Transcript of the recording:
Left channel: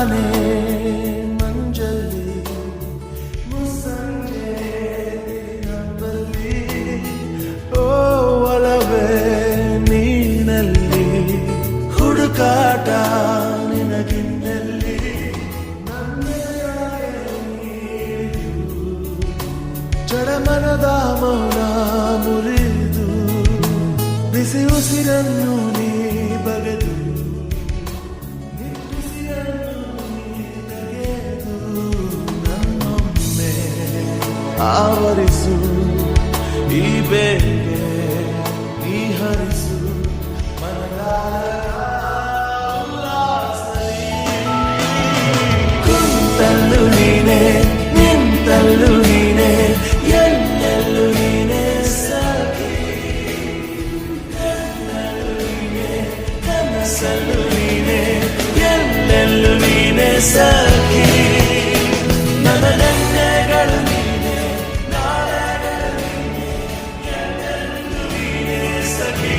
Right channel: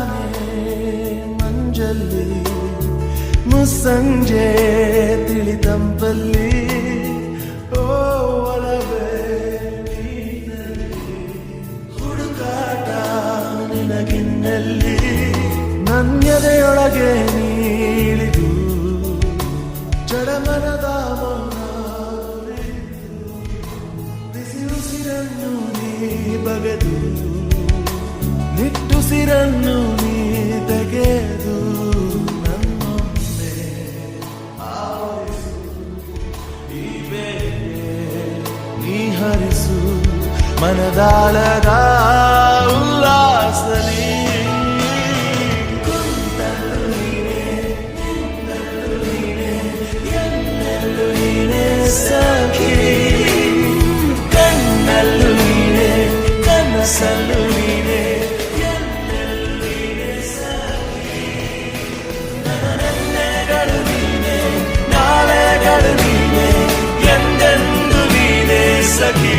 ತಾನೇ ಮಂಜಲ್ಲಿ ಮುಸ್ಸಂಜೆ ತಿಳಿತಂಪಲ್ಲಿ ಓ ಒಲವೇ ನೀನಲ್ಲಿ ಹುಡುಕಾಟ ನಿನಗಿನ್ನಲ್ಲಿ ನನ್ಯದೆಯೊಳಗೆ ನೀಳಿದು ಜಡಮನದ ಮೌನ ಮುರಿದು ಬಿಸಿ ಉಸಿರನ್ನು ನೀ ಬಗೆದು ನಿಟ್ಟುಸಿರನ್ನು ನೀ ತೆಗೆದು ನನ್ನೊಮ್ಮೆ ಆವರಿಸು ಈ ಬೇಗೆ ನೀ ಹರಿಸು ಮನದಾಳದ ಉಲ್ಲಾಸಲಿ ಕುಂತಲ್ಲು ನೀನೆ ನಿಂತಲ್ಲು ನೀನೆ ಎಲ್ಲೆಲ್ಲೂ ನೀನೆ ಸಖಿ ಕಣ್ಣಲ್ಲೂ ನೀನೆ ಕನಸಲ್ಲೂ ನೀನೆ ಎಲ್ಲೆಲ್ಲೂ ನೀನೆ ಸಖಿ ನನ್ನ ನೆನ್ನೆಗಳು ನೀನೆ ನಾಳೆಗಳು ನೀನೆ ಎಂದೆಂದು ನೀನೆ ಸಖಿ